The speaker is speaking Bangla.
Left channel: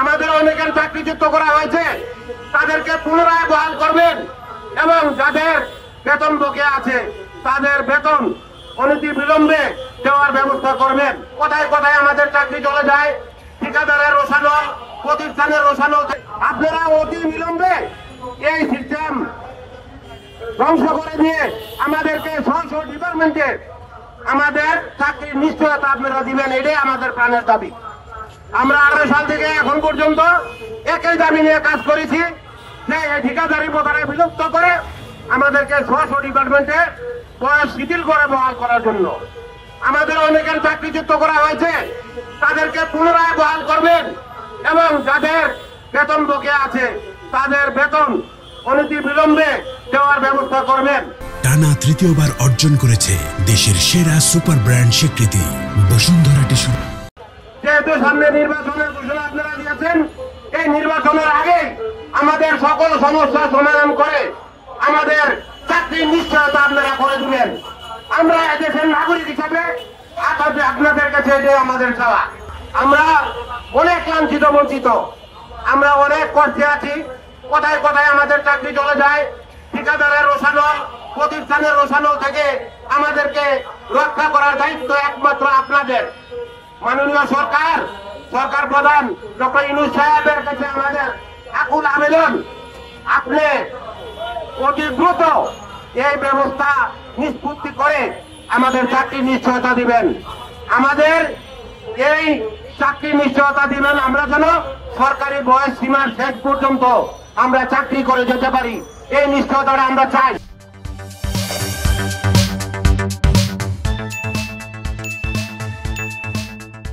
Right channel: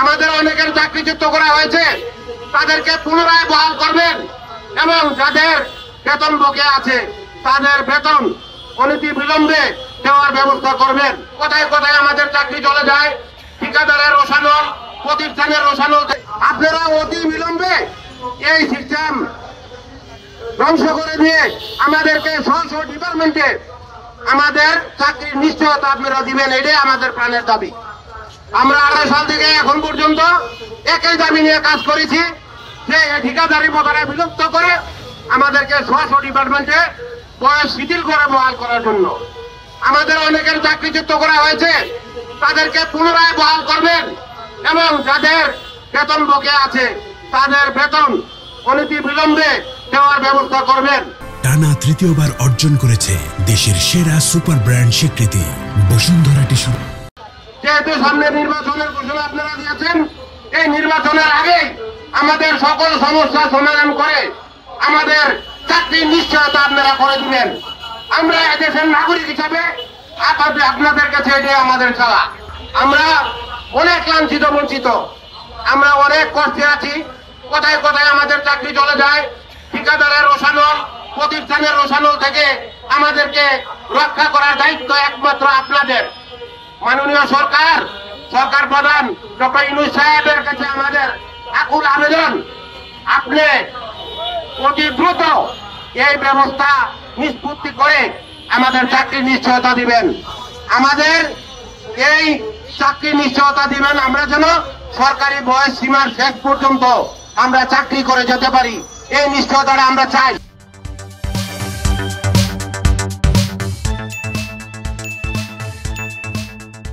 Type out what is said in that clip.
আমাদের অনেকের চাকরিচ্যুত করা হয়েছে, তাদেরকে পুনরায় বহাল করবেন এবং যাদের বেতন বকেয়া আছে তাদের বেতন অনতি বিলম্বে দেওয়ার ব্যবস্থা করবেন। কোথায় কোথায় আমাদের চাকরি চলে যায়, ঠিকাদারের রোশানল, প্রতিষ্ঠানের রোশানল, আপনারা অতি বিলম্বে এই সিস্টেম ধ্বংস করে দিয়ে আমাদেরকে স্ব ডিপার্টমেন্টে আমাদের চাকরির নিশ্চয়তা আপনারা দিবেন, এটাই আমাদের প্রাণের দাবি। আমরা 18 সাল থেকে এখন পর্যন্ত একই দাবি নিয়ে কাজ করেছি যে ঠিকাদারি প্রথাটা বিলুপ্ত করে আমাদেরকে স্ব ডিপার্টমেন্টে বয়স শিথিল করে বহাল করার জন্য। আমাদের অনেকের চাকরিচ্যুত করা হয়েছে, তাদেরকে পুনরায় বহাল করবেন এবং যাদের বেতন বকেয়া আছে তাদের বেতন অনতি বিলম্বে দেওয়ার ব্যবস্থা করবেন। টানা তৃতীয়বার অর্জন করেছে দেশের সেরা সুপার ব্র্যান্ড স্বীকৃতি বসুন্ধরা টিস্যু। যেহেতু সামনে নির্বাচনের ঘোষণা আপনারা দিয়েছেন, এই নির্বাচনের আগেই আমাদের সকল সমস্যা সমাধান করে আমাদের চাকরির নিশ্চয়তা আপনারা করে দিবেন। আমরা দেশের নাগরিক হিসাবে আপনাদের কাছে এটাই আমাদের চাওয়া। আমরা অনেক লাঞ্ছিত বঞ্চিত, আমরা অনেক কষ্টে আছি। কোথায় কোথায় আমাদের চাকরি চলে যায়, ঠিকাদারের রোশানল, প্রতিষ্ঠানের রোশানল থেকে আমাদেরকে রক্ষা করার দায়িত্ব একমাত্র আপনাদের। মাননীয় সরকার প্রধান ডক্টর ইউনূস সাহেবের কাছে আমাদের আকুল আবেদন, আপনি অতি দ্রুত এই ব্যবস্থা নিষ্পত্তি করে আমাদের চাকরির নিশ্চয়তা দিবেন। আমাদের এই চাকরির নিশ্চয়তা দিবেন, আমরা যেন সরকারি বয়স সীমার শেষ পর্যন্ত আমরা চাকরি করে যেতে পারি, এই নিশ্চয়তাটা আমরা চাই।